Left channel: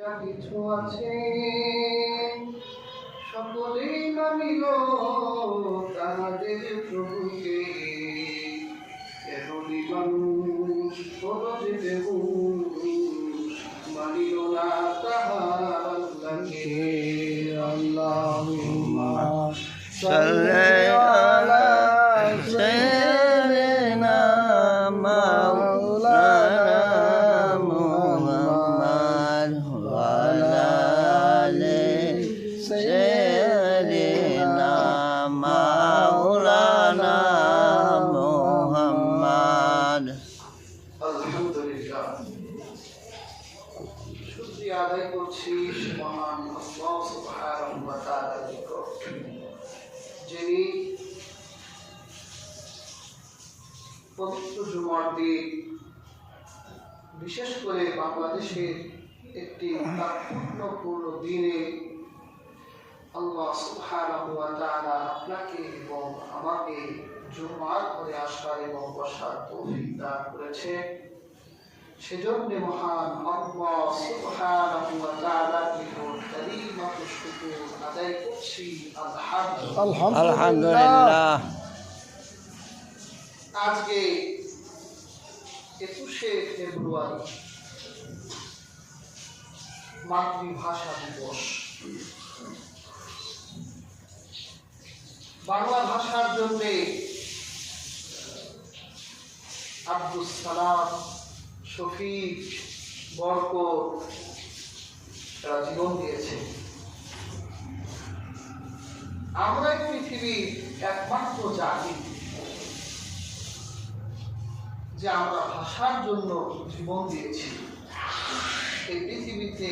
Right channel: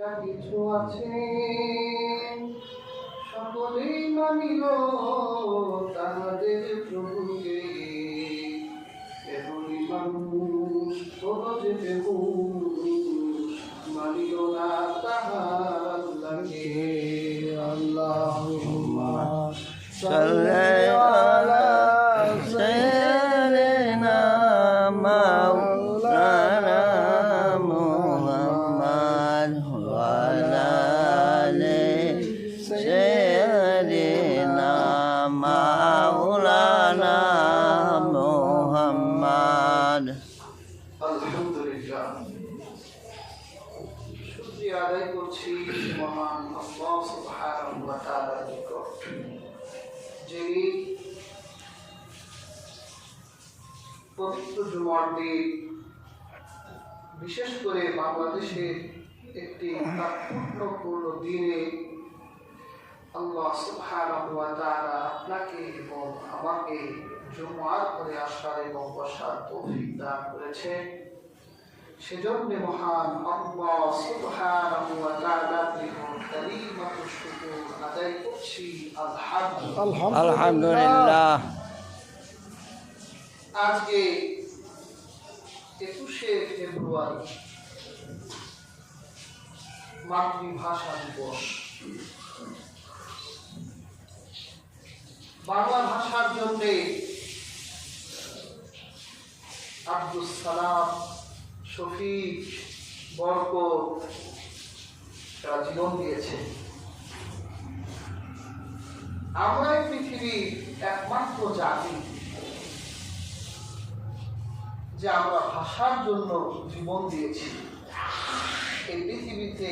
কিছু আছে সকলেই মানিল তাদের প্রভুকে, এমনই মানুষ হলো যে কেউ মানিল না তাহার আল্লাহকে। আল্লাহুম্মা সাল্লি আলা সাইয়্যিদিনা মাওলানা মুহাম্মদ ওয়া আলা আলি সাইয়্যিদিনা মাওলানা মুহাম্মদ। আলহামদুলিল্লাহ, শুকরিয়া আদায় করছি মহান আল্লাহ সুবহানাহু ওয়া তাআলার নিকট, যিনি পবিত্র জুমার দিন, বিশেষ করে বাংলাদেশের একটি তাৎপর্যপূর্ণ দিনে আল্লাহ সুবহানাহু ওয়া তাআলা আপনাকে এবং আমাকে জুমার করে আসার এবং বসার তৌফিক দান করেছে। সেজন্য মহান আল্লাহ সুবহানাহু ওয়া তাআলার নিকট কালিমাতুশ শুকর আদায় করছি আলহামদুলিল্লাহ। আজকে 21শে ফেব্রুয়ারি মাতৃভাষা দিবস। বাংলা ভাষার জন্য আব্দুল সালাম, শফিক, বরকত তারা জীবন দিয়েছে। আমরা পৃথিবীর একমাত্র জাতি যে আমরা ভাষার জন্য জীবন দিয়েছি। এই পৃথিবীতে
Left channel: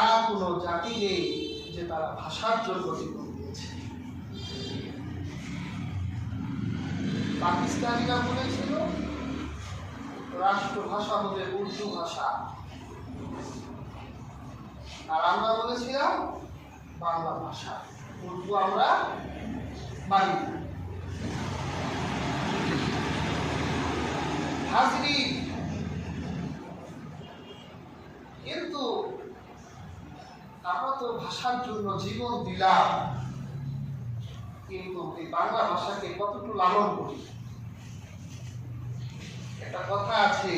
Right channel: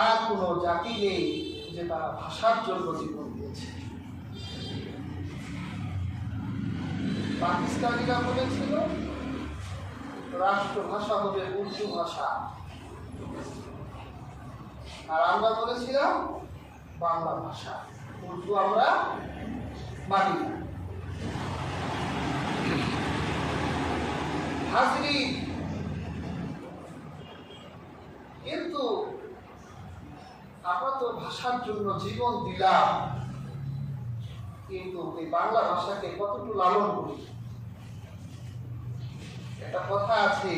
আর কোনো জাতি নেই যে তারা ভাষার জন্য জীবন দিয়েছে। পাকিস্তানিরা বলেছিল রাষ্ট্রভাষা হবে উর্দু ভাষা, আর আমরা বলেছিলাম বাংলা ভাষা। উর্দু আমরা মানি না। হাজরিন, কিন্তু আমরা তো ভাষার জন্য জীবন দিলাম, কিন্তু এই বাংলা ভাষাকে কতটুকু লালন করি। একটা কথা আছে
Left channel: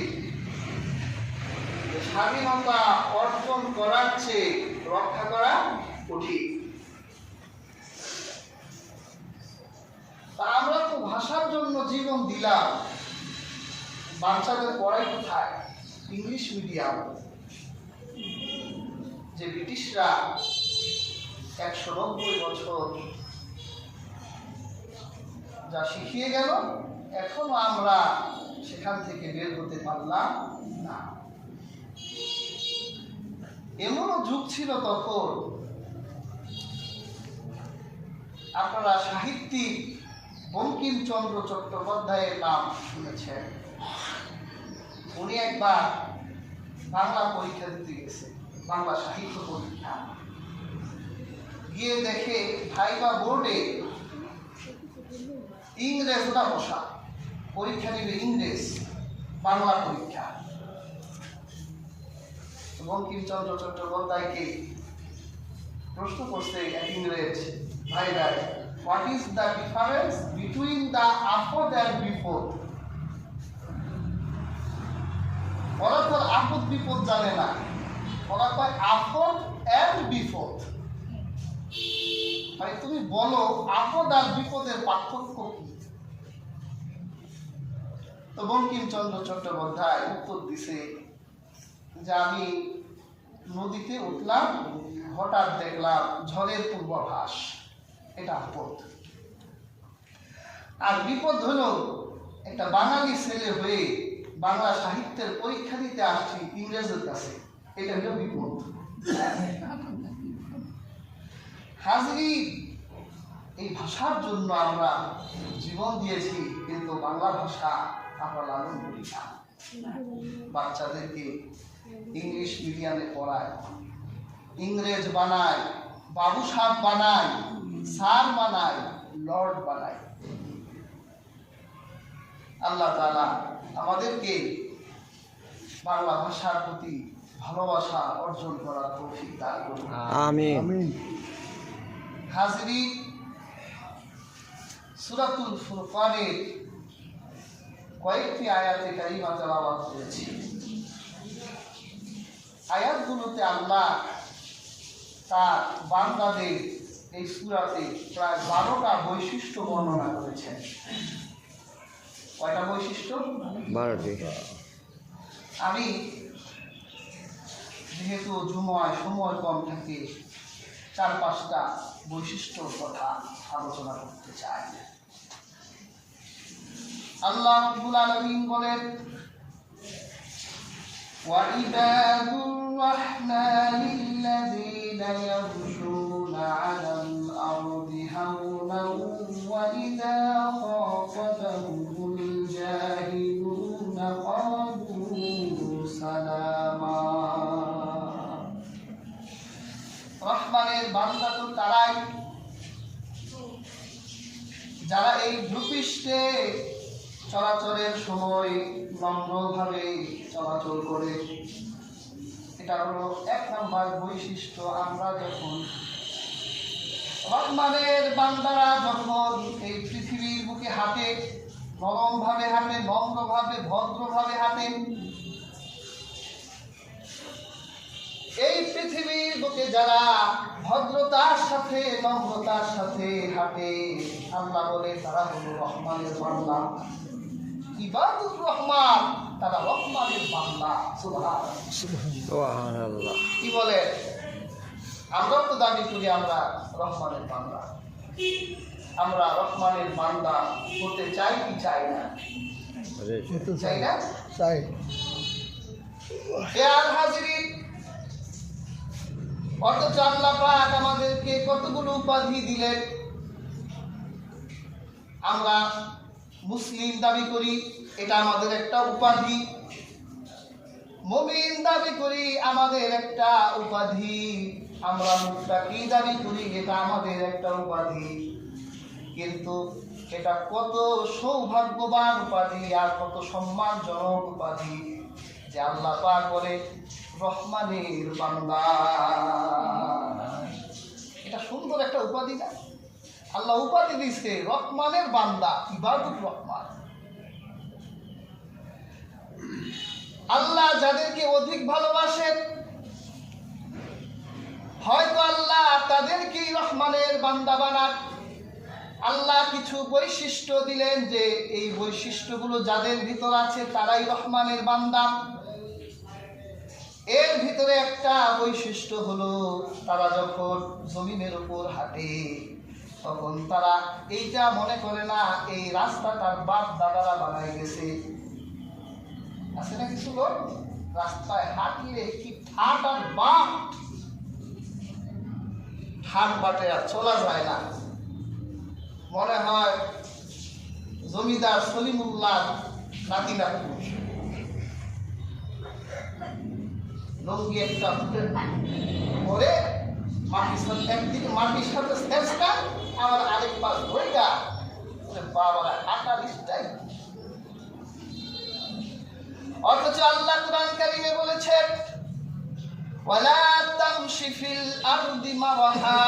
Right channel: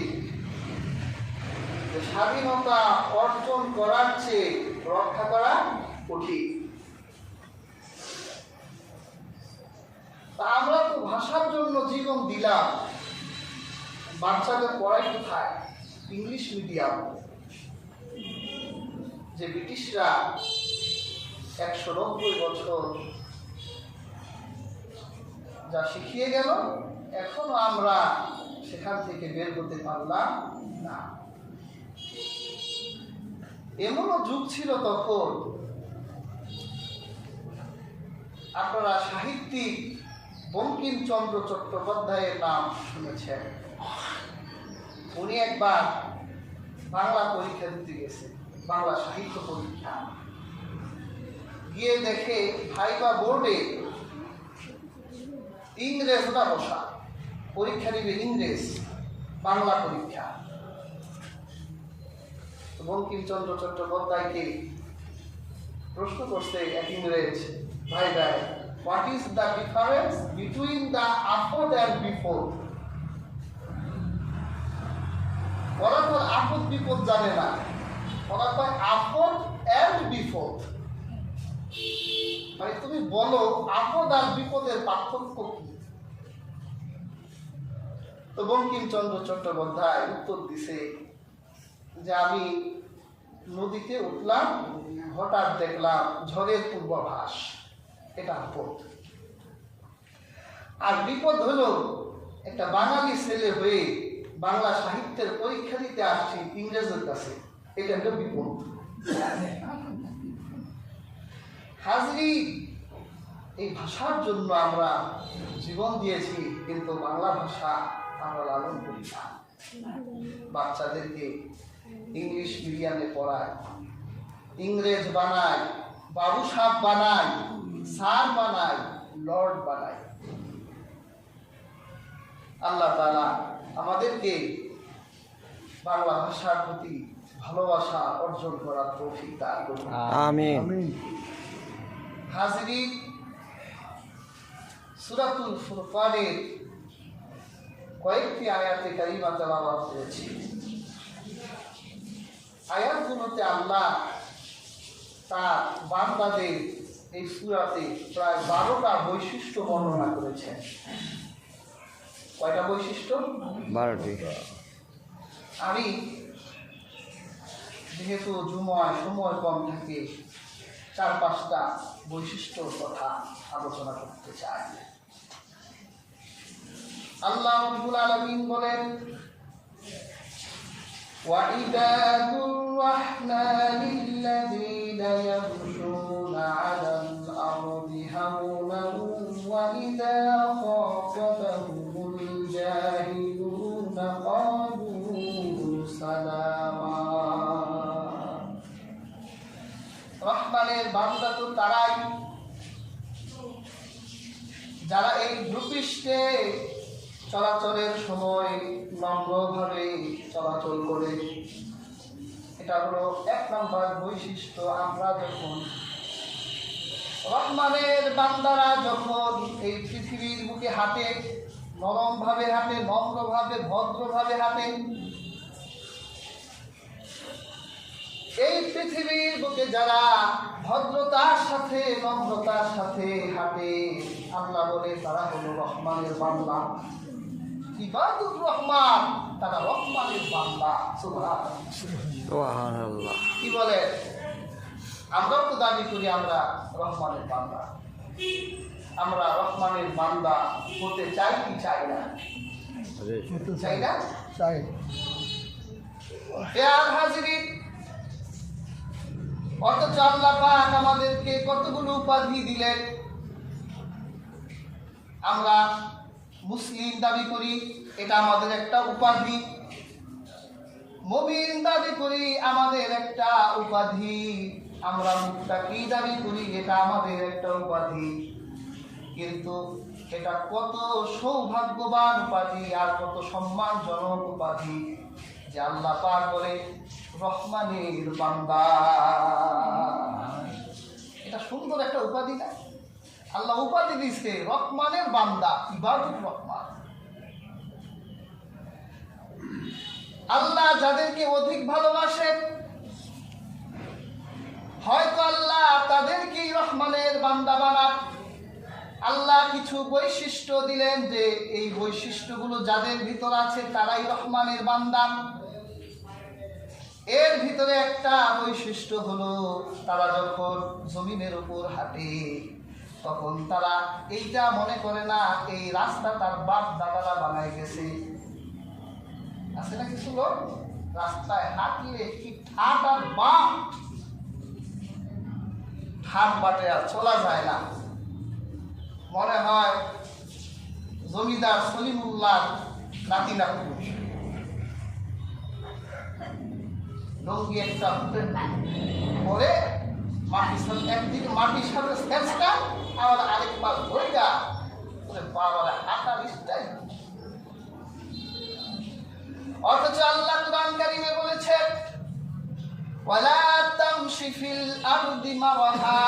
যে স্বাধীনতা অর্জন করার চেয়ে রক্ষা করা কঠিন। তা আমরা তো ভাষার জন্য জীবন দিলাম, বাচ্চাদের পড়াই কোথায়? English medium. যে ব্রিটিশরা 190 বছর যা শিখিয়ে গেল, এখনো আমরা সেখান থেকে বের হতে পারলাম না। এমনও যুগ ছিল তখন, আপনারা সাহিত্যিক বঙ্কিমচন্দ্র চট্টোপাধ্যায়ের নাম শুনেছেন। উনি একবার বাংলা পরীক্ষা দিতে গেছে, বাংলা সাহিত্য পরীক্ষা। গিয়ে দেখে ভাইবা বোর্ডে ইংরেজরা বসা, পরীক্ষা দিবে ইংরেজ, বাংলা পরীক্ষা। বঙ্কিমচন্দ্র চট্টোপাধ্যায়কে প্রশ্ন করছে এক ইংরেজ, ভাই what is the difference between the after and before? ওরা তো আপদ বিপদ জানে না, ওরা কয় আপদ অ্যান্ড বিপদ। মানে তুমি বলো আপদ আর বিপদের পার্থক্য কি? তো বঙ্কিমচন্দ্র চট্টোপাধ্যায় উত্তর দিছে যে আমি নদীতে উঠলাম, হঠাৎ দেখলাম ঝড়ের পূর্বাভাস, এটা আপদ। আর বিপদ হলো একটা বাঙালি ছেলে হয়ে বাংলা সাহিত্যের পরীক্ষা দিতে আসছি ইংরেজের কাছে, এটা হলো বিপদ। হাজরি, এই ভাষার জন্য আমরা জীবন দিয়েছি, কিন্তু বাংলা ভাষা আমরা লালন করি না। বাচ্চাদেরকে ইংলিশ মিডিয়ামে পড়ায়, ইংরেজ বানায়, বাবু সাহেব বানায়, স্যার বানায়, লর্ড বানায়। আল্লাহ তাআলা আমাদেরকে বাংলা ভাষার প্রতি ভালোবাসা অর্জন করার তৌফিক দান করুন। আমিন। হাজিরিন, সূরাতুল ফুরকানের কয়েকটি আয়াতে কারিমা তেলাওয়াত করেছি। আয়াতগুলোতে আল্লাহ তার বান্দাদের এই সূরাতে প্রায় 12টা বৈশিষ্ট্য বর্ণনা করেছেন। কয়টা বৈশিষ্ট্য? 12টি। আমি যেহেতু জুমায় সময় কম থাকে, 4-5টা বৈশিষ্ট্যর কথা আলোচনা করতে চাই। আল্লাহ রাব্বুল আলামিন বলেন, ওয়াইবাদুর রাহমানিল্লাযীনা ইয়ামশুনা আলাল আরদি হাওনান ওয়া ইযা খাতাবাহুমুল জাহিলুনা ক্বালু সালামা। রহমানের বান্দা তো তারাই যারা এই ভূপৃষ্ঠে চলাচলের সময় নম্রভাবে চলাচল করে। এটা হলো 1 নম্বর বৈশিষ্ট্য। আমরা যখন রহমানের বান্দারা যখন এই পৃথিবীর বুকে হাঁটে, নরমভাবে হাঁটে, নম্রভাবে, ভদ্রভাবে হাঁটে, এই পৃথিবীর বুকে যারা ভদ্রতার সাথে, নম্রতার সাথে হাঁটে, আল্লাহ বলে তারা হলো রহমানের বান্দা। ইবাদুর রহমান, তারা রহমানের বান্দা। সুবহানাল্লাহ। কি বলে? আমরাও তো দাবি করি আমরা রহমানের বান্দা। আমরা রহমানের বান্দা হতে চাই কি চাই না? চাই না? চাই। আর হাজিরিন, অথচ আল্লাহ পাক আমাদেরকে কতগুলো উপাধি দিলেন। আমরা মুসলিম দাবি করি, এটা আমাদের একটা উপাধি। মুমিন দাবি করি, আমাদের একটা উপাধি। আমরা মুত্তাকি দাবি করি, এটা আমাদের একটা উপাধি। কিন্তু এটা কত সৌভাগ্যবান উপাধি আর কত সম্মানজনক উপাধি যে আল্লাহ পাক বলে রহমানের বান্দা। এটা সুন্দর একটা উপাধি না? আল্লাহ উপাধি দিয়েছে রহমানের বান্দা, ইবাদুর রহমান। আল্লাহ যাদেরকে অধিক ভালোবাসেন, হয়তো আল্লাহ তাদেরকেই রহমানের বান্দা বানান। আল্লাহ কিছু বৈশিষ্ট্য দিলেন যে এই বৈশিষ্ট্যগুলো যাদের ভিতর আছে তারাই রহমানের বান্দা। এর ভিতরে একটা বৈশিষ্ট্য হলো, তারা যখন জমিনের উপর হাঁটে তখন তারা এইটা মনে করে না এই রাস্তা তার বাপ দাদারা বানায় গেছে। আছে না কিছু লোক রাস্তায় হাঁটলে কি ঠাট আর বাট, ঠাট বাটে আর চলা যায় না। মনে হয় জমিদার সলিমুল্লাহ নাতি নাতনি। লঙ্গি একটা পরে মাটির সাথে একদিকে মাটির সাথে চেষ্টা, আবার আরেক পাশ ধৈরা বাবারা হাঁটার স্টাইল। অথচ আল্লাহ কুরআন কারীমে বলেছেন, ওয়ালা তামশি ফিল আরদি মারহা,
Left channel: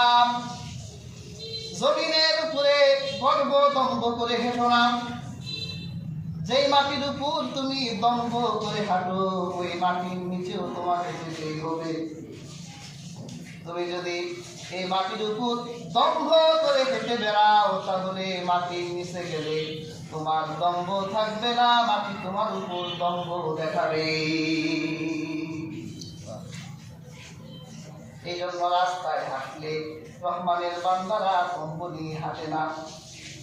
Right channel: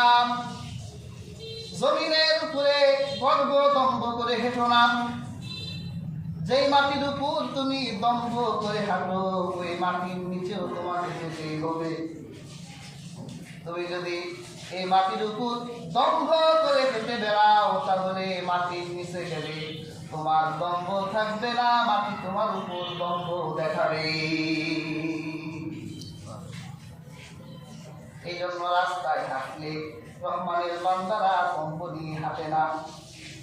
জমিনের উপরে গর্ব দম্ভ করে হেঁটো না। যেই মাটির উপর তুমি দম্ভ করে হাঁটো, ওই মাটির নিচেও তোমাকে যেতে হবে। তুমি যদি এই মাটির উপর দম্ভ করে হেঁটে বেড়াও, তাহলে মাটির নিচে গেলে তোমার দম্ভ থাকবে না, মাটি তোমার উপর দম্ভ দেখাবে। এই জন্য রাস্তায় হাঁটলে রহমানের বান্দারা দম্ভ নিয়ে হাঁটে না,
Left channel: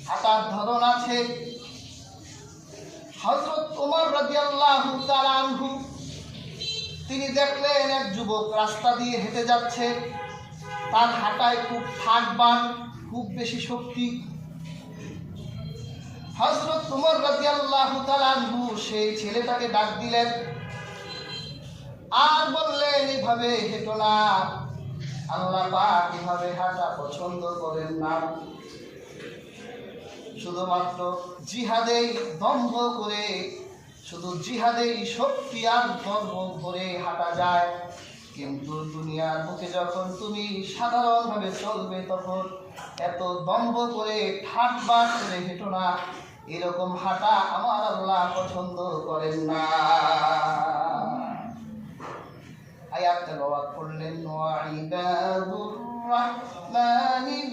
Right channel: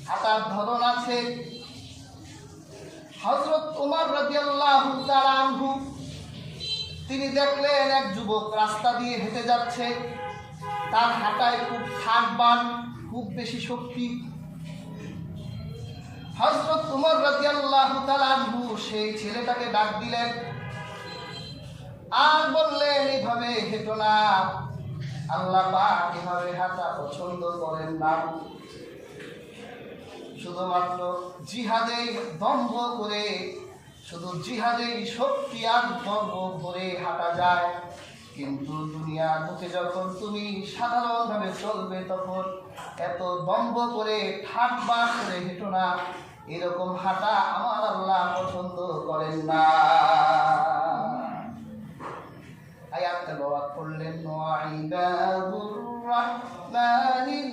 হাঁটার ধরন আছে। হযরত ওমর রাদিয়াল্লাহু তাআলা আনহু তিনি দেখলেন এক যুবক রাস্তা দিয়ে হেঁটে যাচ্ছে, তার হাঁটায় খুব ঠাকবান, খুব বেশি শক্তি। হযরত ওমর রাদিয়াল্লাহু তাআলা আনহু সেই ছেলেটাকে ডাক দিলেন আর বললেন, এভাবে হেঁটো না, আল্লাহ পাক এভাবে হাঁটা পছন্দ করেন না। শুধুমাত্র জিহাদেই দম্ভ করে শুধু জিহাদের শক্তি আর ধর্ম ধরে হাঁটা যায়, কিন্তু দুনিয়ার বুকে যখন তুমি সাধারণভাবে চলবে তখন এত দম্ভ করে ঠাটবাট করে হেঁটো না। এরকম হাঁটা আমার আল্লাহ পছন্দ করেন না। আয়াত তেলাওয়াত করলেন, ওয়াইবাদুর রাহমানিল্লাযীনা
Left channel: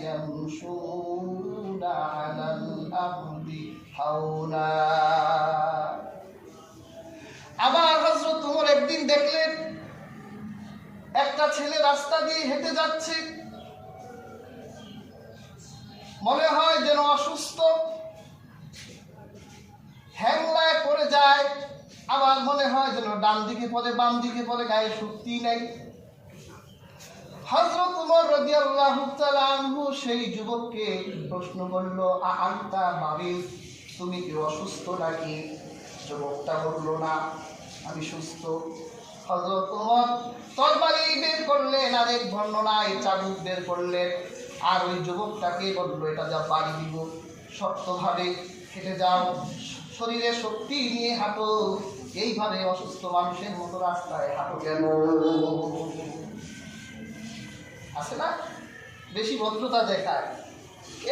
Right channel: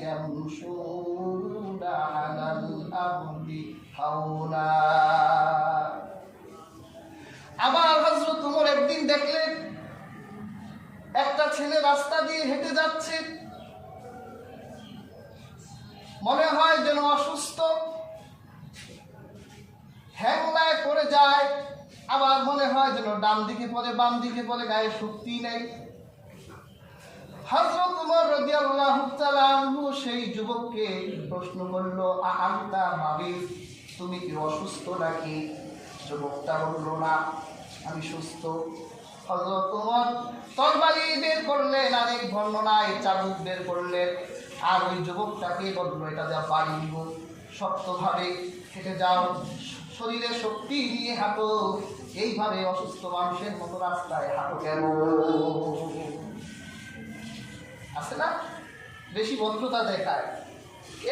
ইয়ামশুনা আলাল আরদি হাওনা। আবার হযরত ওমর একদিন দেখলেন একটা ছেলে রাস্তা দিয়ে হেঁটে যাচ্ছে, মনে হয় যেন অসুস্থ, হ্যাংলায় পড়ে যায়, আবার মনে হয় যেন ডান দিকে পড়ে বাম দিকে পড়ে, গায়ে শক্তি নেই। হযরত ওমর রাদিয়াল্লাহু তাআলা আনহু সেই যুবককে প্রশ্ন করল, আনতা মারিদ, তুমি কি অসুস্থ নাকি? যুবকটা বলল, না, আমি সুস্থ। হযরত ওমর তরবারি বের করলেন, আরেক বর্ণনায় চাবুক বের করলেন, আর ওই যুবকটাকে বলল, এটা যা বাড়ি দিব, শক্তভাবে হেঁটে যাও, শরীরে শক্তি নিয়ে হাঁটো, এইভাবে অসুস্থ মানুষের মতো রাস্তায় হাঁটো কেন? আছে না, বেশি ভদ্রতা দেখায়,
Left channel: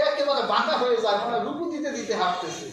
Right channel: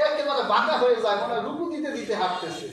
একেবারে বাঁকা হয়ে যায়, মনে হয় রুকু দিতে দিতে হাঁটতেছে।